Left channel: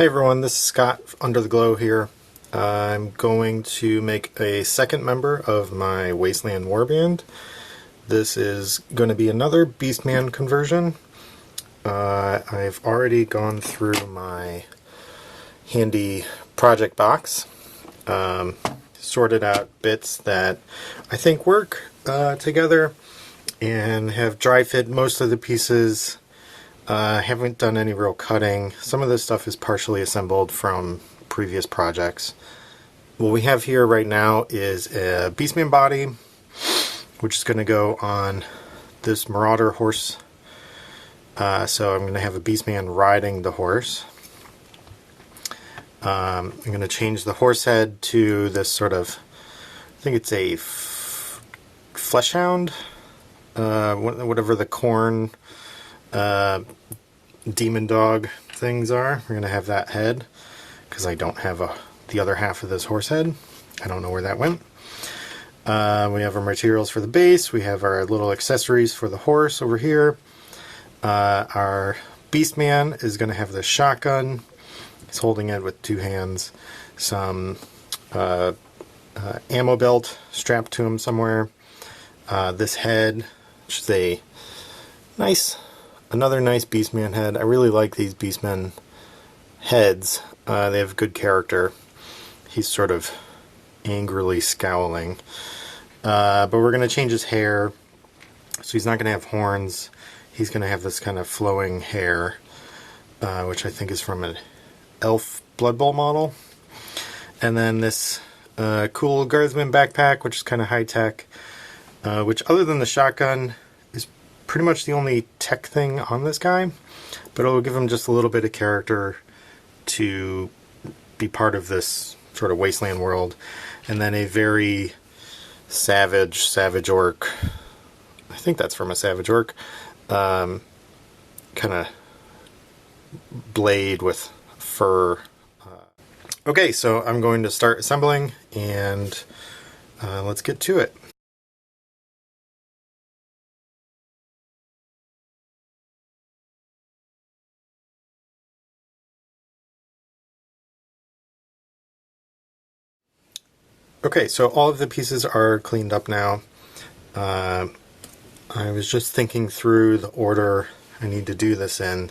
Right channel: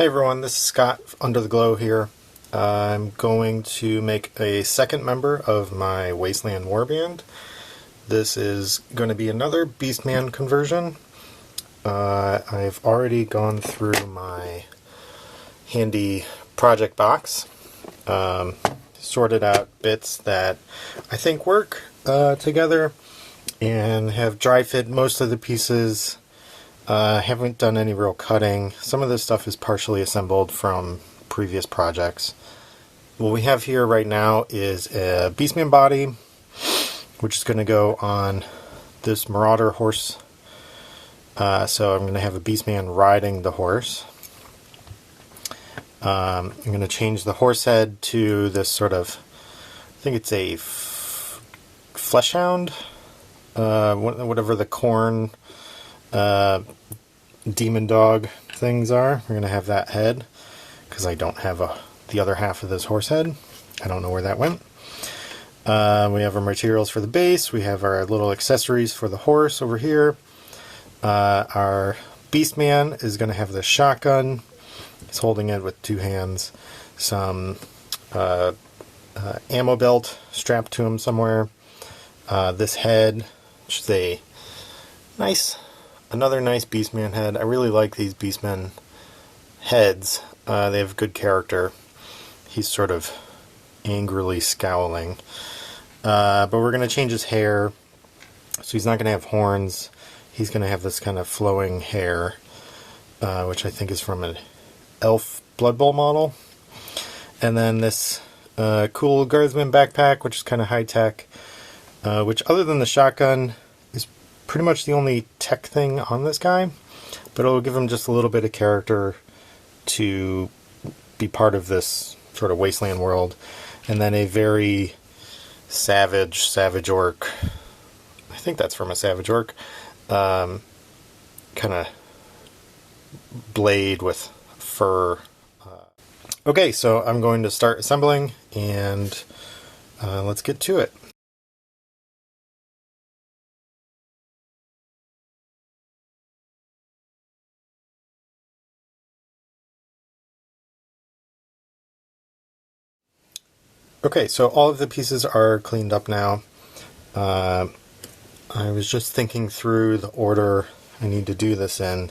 Hey everyone, this is Scott Under the Glow here. I'm going to make a second member of my Wasteland warband. This is going to be another beastman conversion. I've already gone through my handy project box, sorted out bits that I think work together, and have dry fit most of the pieces. Haven't done any real cutting. Some of this stuff is partially assembled from previous projects. What we have here right now is a beastman body, which is going to go on this marauder horse. So I'm going to have a beastman riding the horse. I'm going to change the horse head to this sort of, I think it's a flesh hound, whatever the corn demon dog things are. We're going to have that head because I don't have the other half of this horse head. I don't know where that went. We have our materials for the base. We have our little accessories for the horse over here. Our beastman is going to have the shotgun. He's holding it with two hands. Some ammo belt strapped to him somewhere. This head, which is another nice beastman head. I really like these beastman heads. They have good character. He's sort of angrily scowling. But we're going to change his hair. So he's not going to have horns. He's going to have this kind of flowing hair, which I think is from an elf Blood Bowl model. And then this cool guardsman backpack, which is kind of high-tech, which other than the shotgun is pretty much the only tech thing on this guy, but it'll give him just a little bit of character to be part of this sort of wasteland world. And then a very savage orc, I think that's from a savage orc, kind of blade with fur. Okay, so I'm going to start assembling, and let's get to it. Okay, so all of the pieces are cleaned up now. I was just thinking through the order I need to do this in,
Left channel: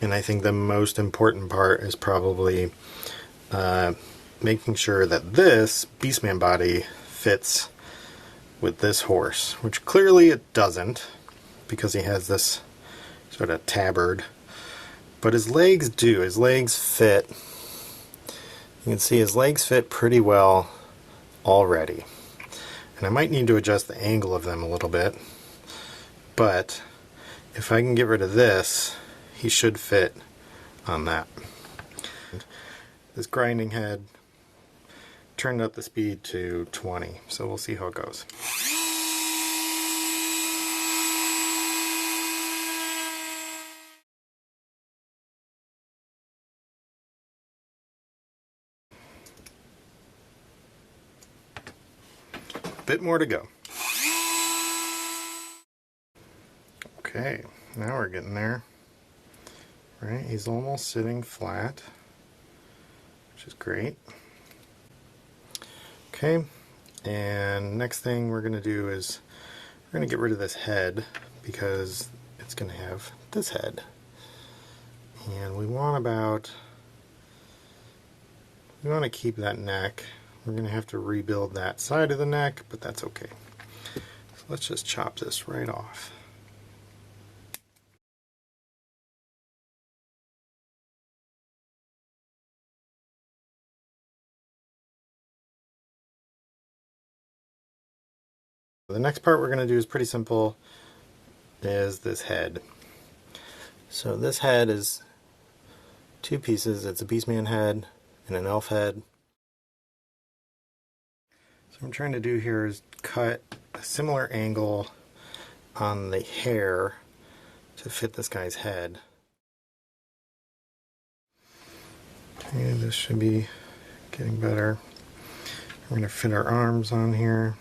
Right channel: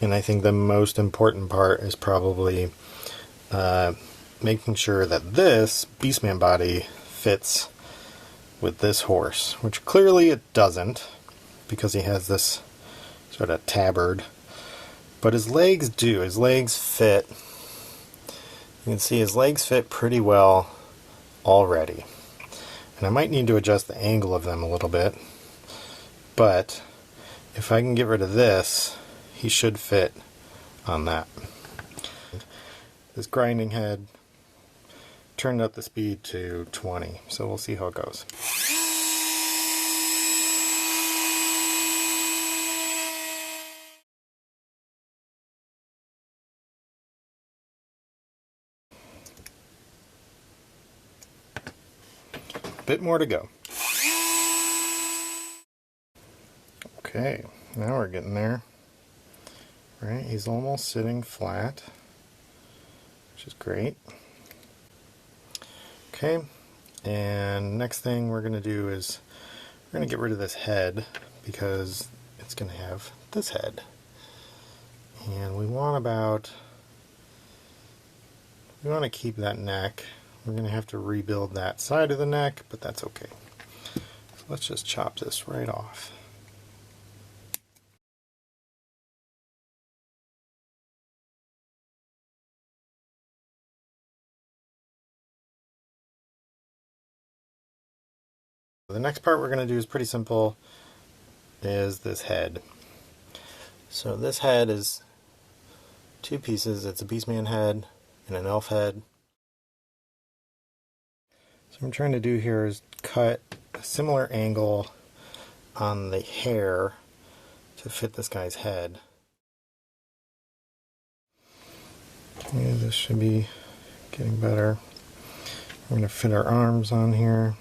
and I think the most important part is probably making sure that this beastman body fits with this horse, which clearly it doesn't, because he has this sort of tabard, but his legs do. His legs fit. You can see his legs fit pretty well already, and I might need to adjust the angle of them a little bit, but if I can get rid of this, he should fit on that. This grinding head turned up the speed to 20, so we'll see how it goes. Bit more to go. Okay, now we're getting there. Right, he's almost sitting flat, which is great. Okay, and next thing we're going to do is we're going to get rid of this head because it's going to have this head. And we want to keep that neck. We're going to have to rebuild that side of the neck, but that's okay. So let's just chop this right off. The next part we're going to do is pretty simple, is this head. So this head is two pieces. It's a beastman head and an elf head. So what I'm trying to do here is cut a similar angle on the hair to fit this guy's head. Okay, this should be getting better. We're going to fit our arms on here.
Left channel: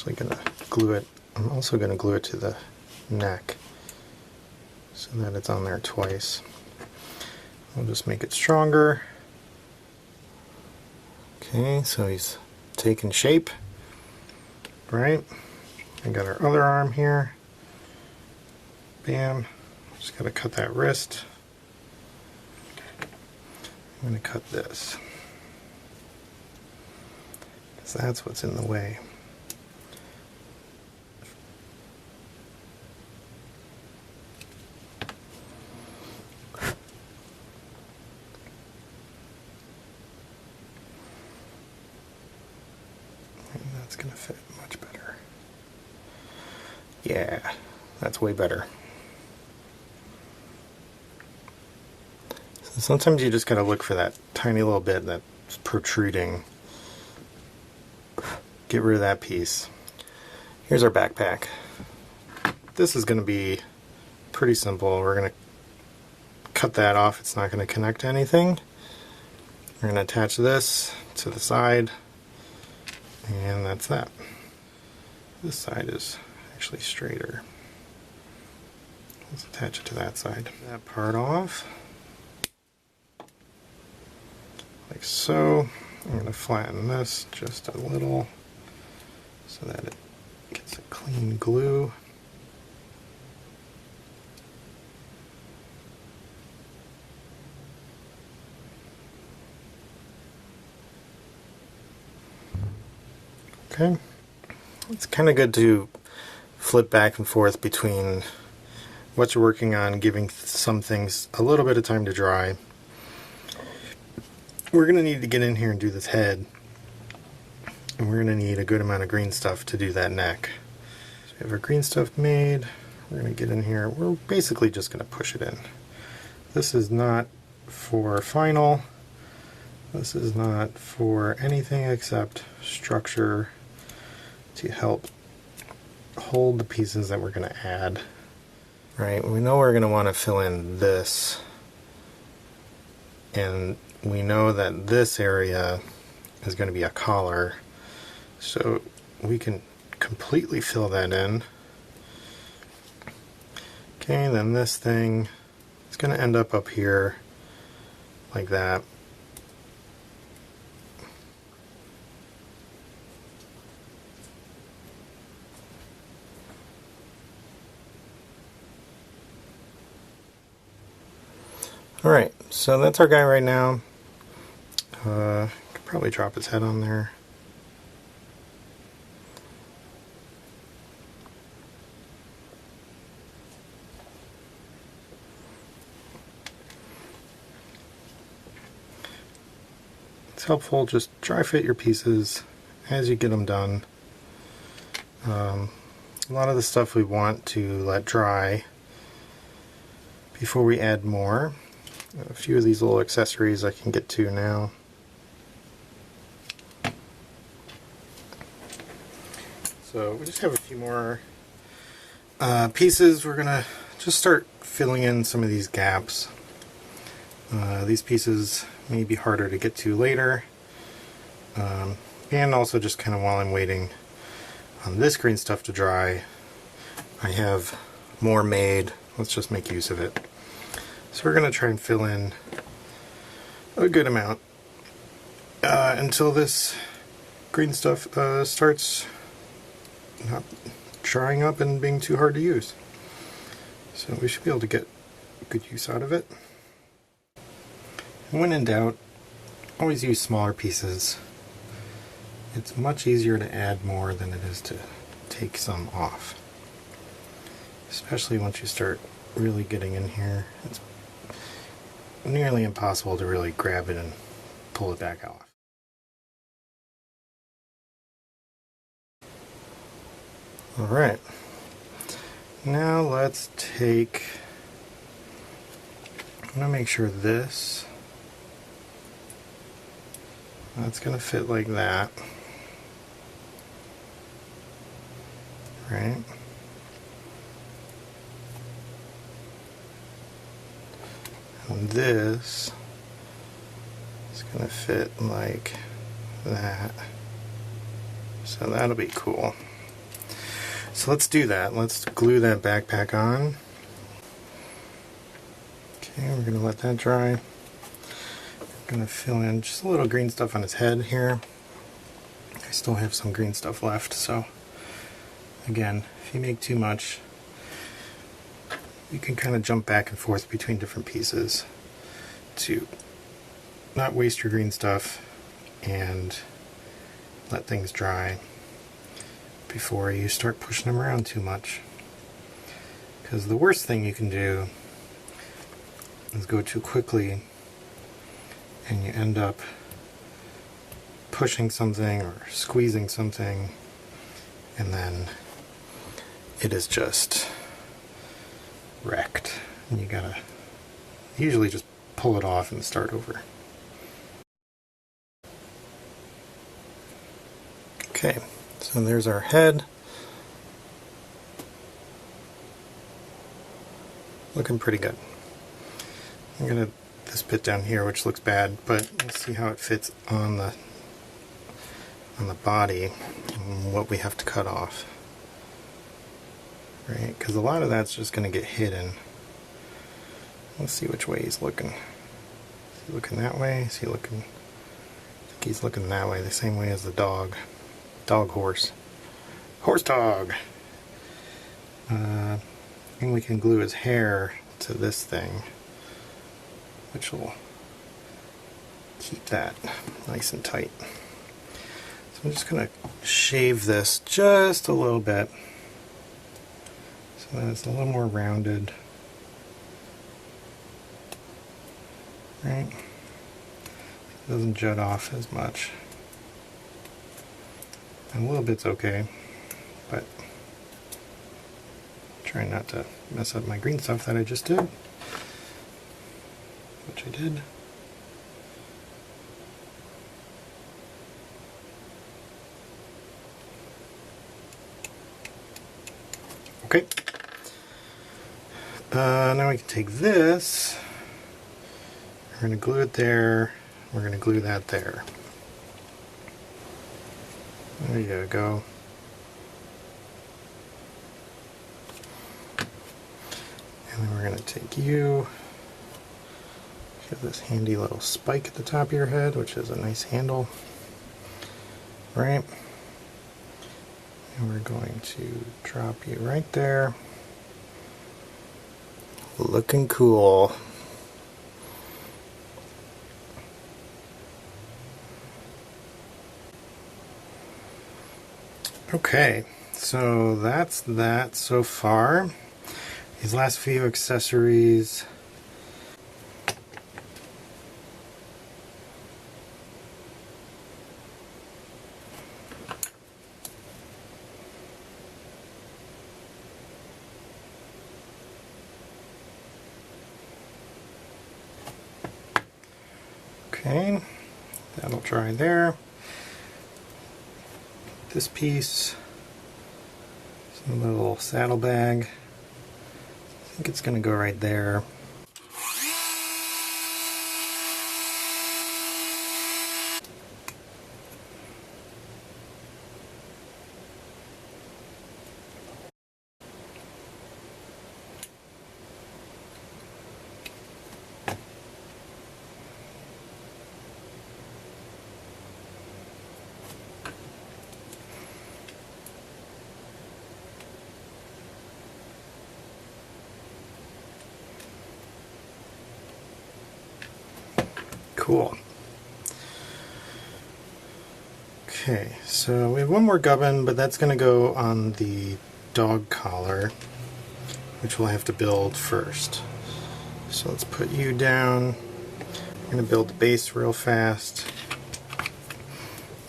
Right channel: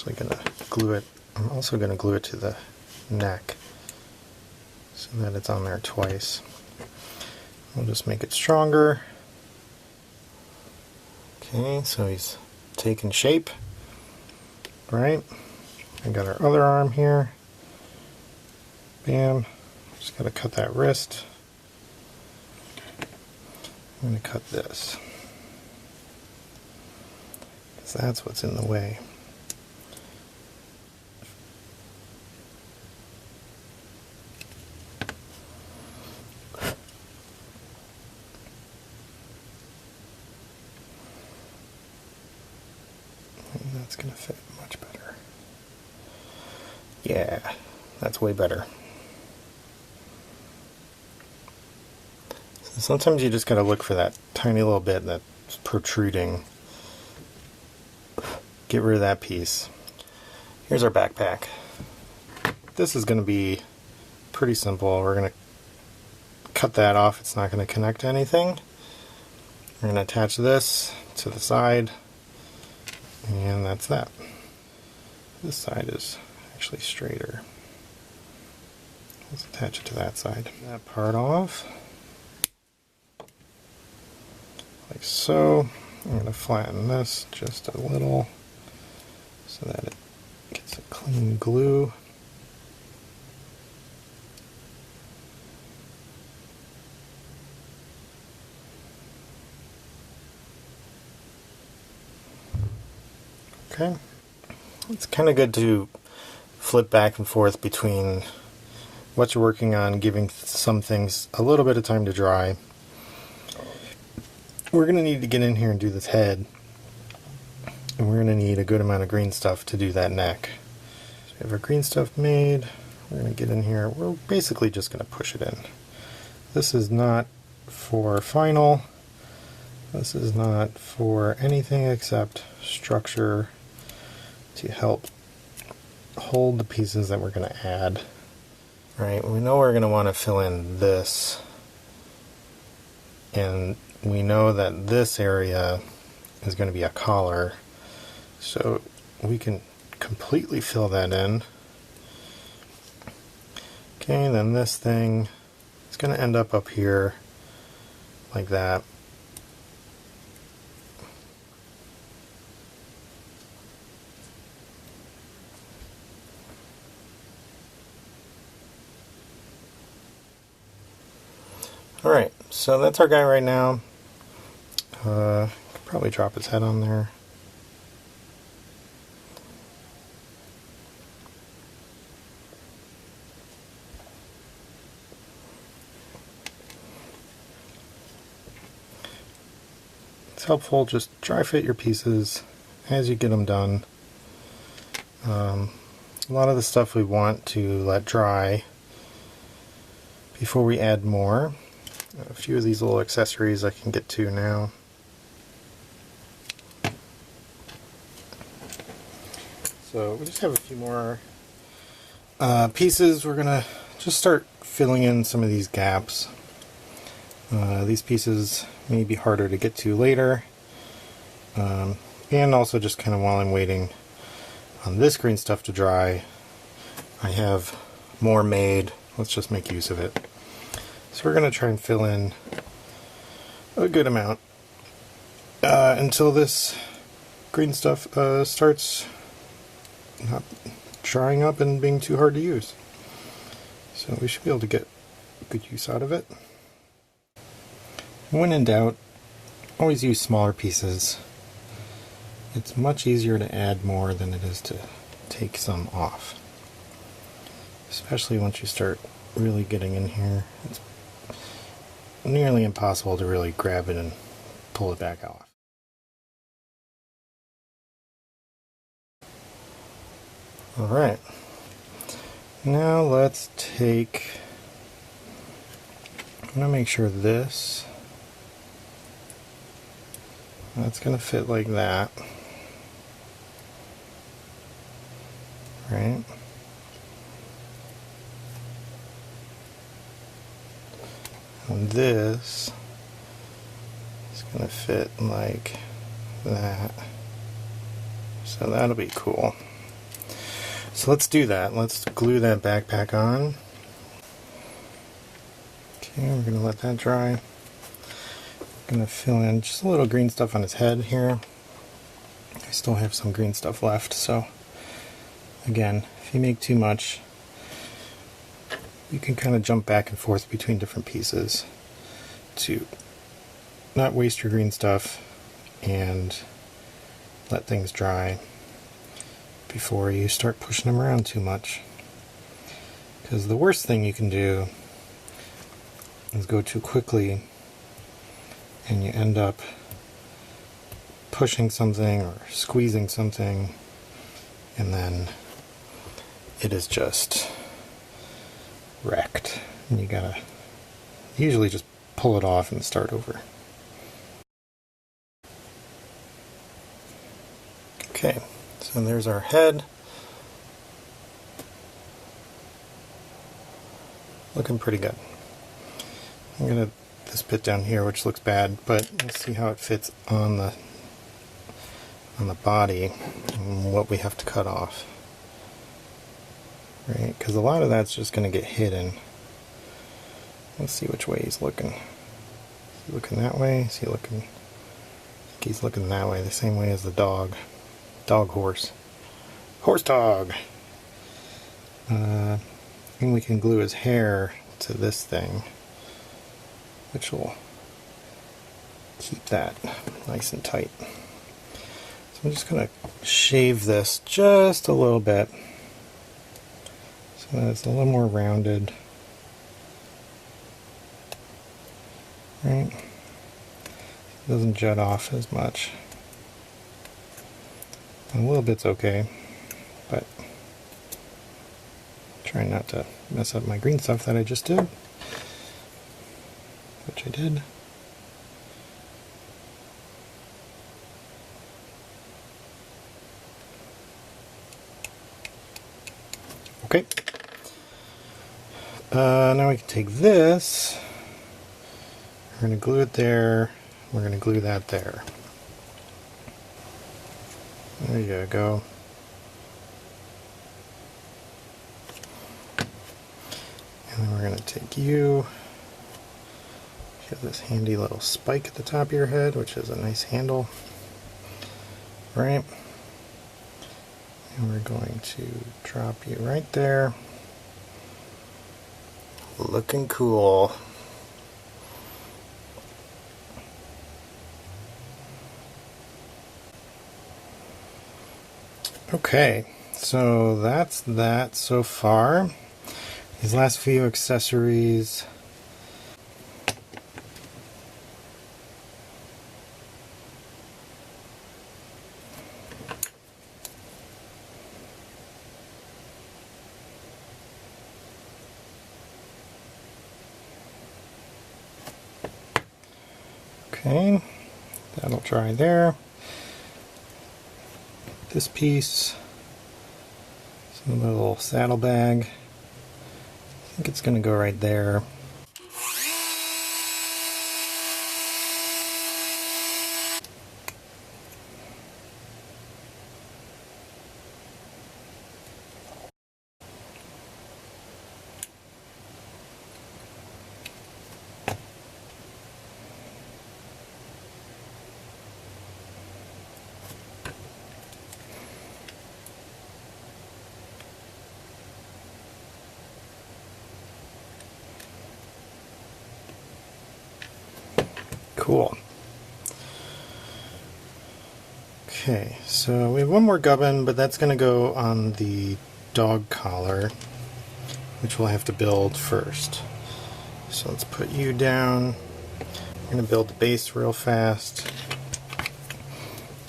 actually going to glue it. I'm also going to glue it to the neck so that it's on there twice. I'll just make it stronger. Okay, so he's taking shape. Right? I got our other arm here. Bam. Just got to cut that wrist. I'm going to cut this, because that's what's in the way. That's going to fit much better. Yeah, that's way better. So sometimes you just got to look for that tiny little bit that's protruding. Get rid of that piece. Here's our backpack. This is going to be pretty simple. We're going to cut that off. It's not going to connect to anything. We're going to attach this to the side, and that's that. This side is actually straighter. Let's attach it to that side. That part off, like so. I'm going to flatten this just a little so that it gets a clean glue. Okay. It's kind of good to flip back and forth between what you're working on, giving some things a little bit of time to dry. We're going to need to get in here and do this head, and we're going to need a good amount of green stuff to do that neck. So we have our green stuff made. We're going to get in here. We're basically just going to push it in. This is not for final. This is not for anything except structure to help hold the pieces that we're going to add. Right, we know we're going to want to fill in this, and we know that this area is going to be a collar, so we can completely fill that in. Okay, then this thing is going to end up here like that. Alright, so that's our guy right now. Could probably drop his head on there. It's helpful, just dry fit your pieces as you get them done. A lot of the stuff we want to let dry before we add more. A few of these little accessories I can get to now. So we just have a few more pieces. We're gonna just start filling in some of these gaps. These pieces may be harder to get to later. And also just kind of while I'm waiting on this green stuff to dry, I have more made. Let's just make use of it. So we're going to try and fill in a good amount until this green stuff starts not drying up and being too hard to use. So we should be able to get good use out of it. When in doubt, always use smaller pieces. It's much easier to add more than it is to take some off. Especially once you start really getting in here. It's nearly impossible to really grab it and pull it back off. Alright, now let's take, I'm going to make sure that's going to fit like that, right? And this is going to fit like that, so that'll be cool. So let's do that. Let's glue that backpack on. Okay, we're going to let that dry. I'm going to fill in just a little green stuff on his head here. I still have some green stuff left, so again, if you make too much, you can kind of jump back and forth between different pieces to not waste your green stuff and let things dry before you start pushing them around too much. Because the worst thing you can do is go too quickly and you end up pushing something or squeezing something, and then it is just wrecked. And you gotta usually just pull it off and start over. Okay, so there's our head. Looking pretty good. I'm gonna this bit down here, which looks bad, but let's see how it fits on the body and what we have to cut off. Right, because a lot of that's just going to get hidden. Let's see which way he's looking. Is he looking that way? Is he looking? I think he's looking that way, the same way as the dog. Dog horse. Horse dog! And we can glue his hair to this thing, which will keep that nice and tight. So I'm just going to shave this just a little bit so that it's a little more rounded. Right? It doesn't jut off as much. A little bit's okay, but try not to mess up my green stuff that I just did, which I did. Okay. Now we can take this, we're going to glue it there, we're going to glue that there. There you go. And then we're going to take you have this handy little spike at the top of your head, which is a nice handle. Right? And we're going to drop you right there. Looking cool. Okay, so that's that so far. These last few accessories. Okay, that'll dry there. This piece, some little saddlebag. I think it's going to go right there. Cool. Okay, so we have one more gubbin, but that's going to go on the dog collar, which we'll have to build first. So let's put you down. I'm going to build the base real fast.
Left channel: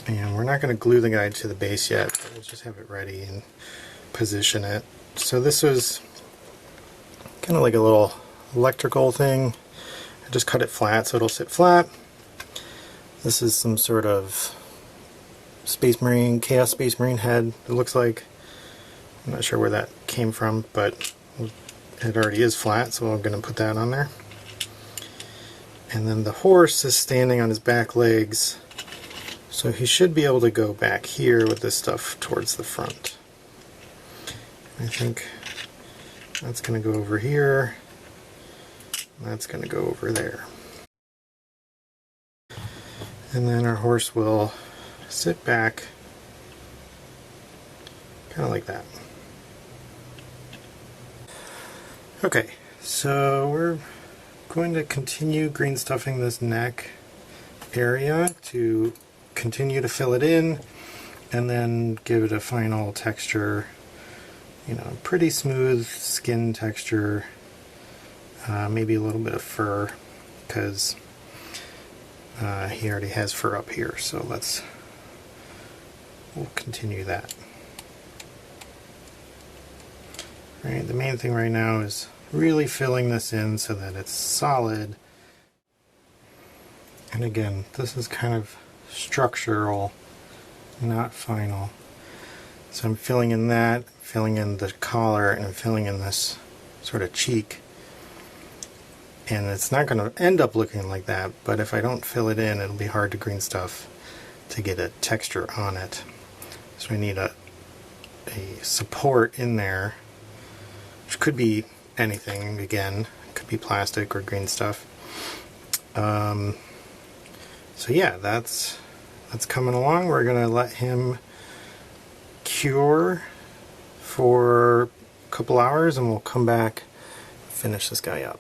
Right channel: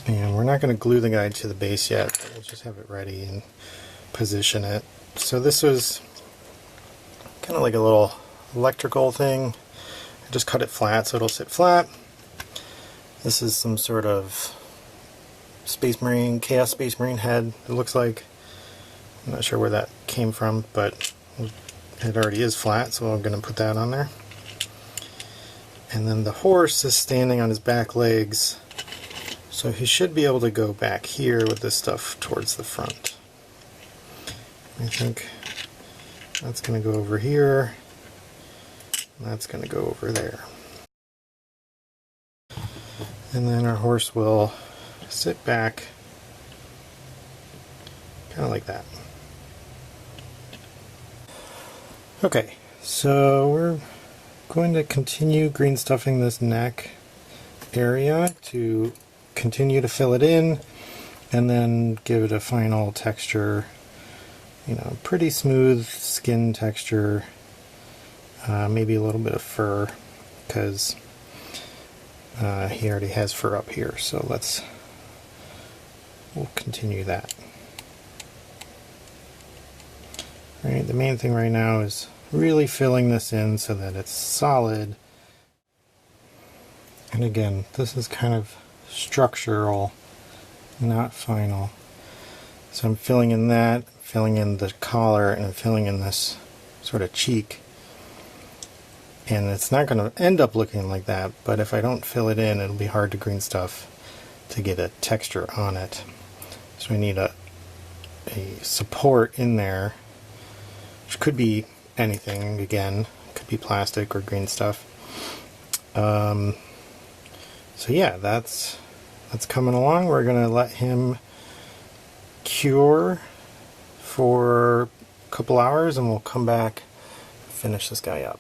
And we're not going to glue the guy to the base yet, but we'll just have it ready and position it. So this was kind of like a little electrical thing. I just cut it flat so it'll sit flat. This is some sort of Space Marine, Chaos Space Marine head, it looks like. I'm not sure where that came from, but it already is flat, so I'm going to put that on there. And then the horse is standing on his back legs, so he should be able to go back here with this stuff towards the front. I think that's going to go over here, and that's going to go over there. And then our horse will sit back, kind of like that. Okay, so we're going to continue green stuffing this neck area to continue to fill it in and then give it a final texture, you know, pretty smooth skin texture, maybe a little bit of fur, because he already has fur up here, so we'll continue that. Alright, the main thing right now is really filling this in so that it's solid. And again, this is kind of structural, not final. So I'm filling in that, filling in the collar, and filling in this sort of cheek. And it's not going to end up looking like that, but if I don't fill it in, it'll be hard to green stuff to get a texture on it. So I need a support in there, which could be anything, again, could be plastic or green stuff. So yeah, that's coming along. We're going to let him cure for a couple hours and we'll come back and finish this guy up.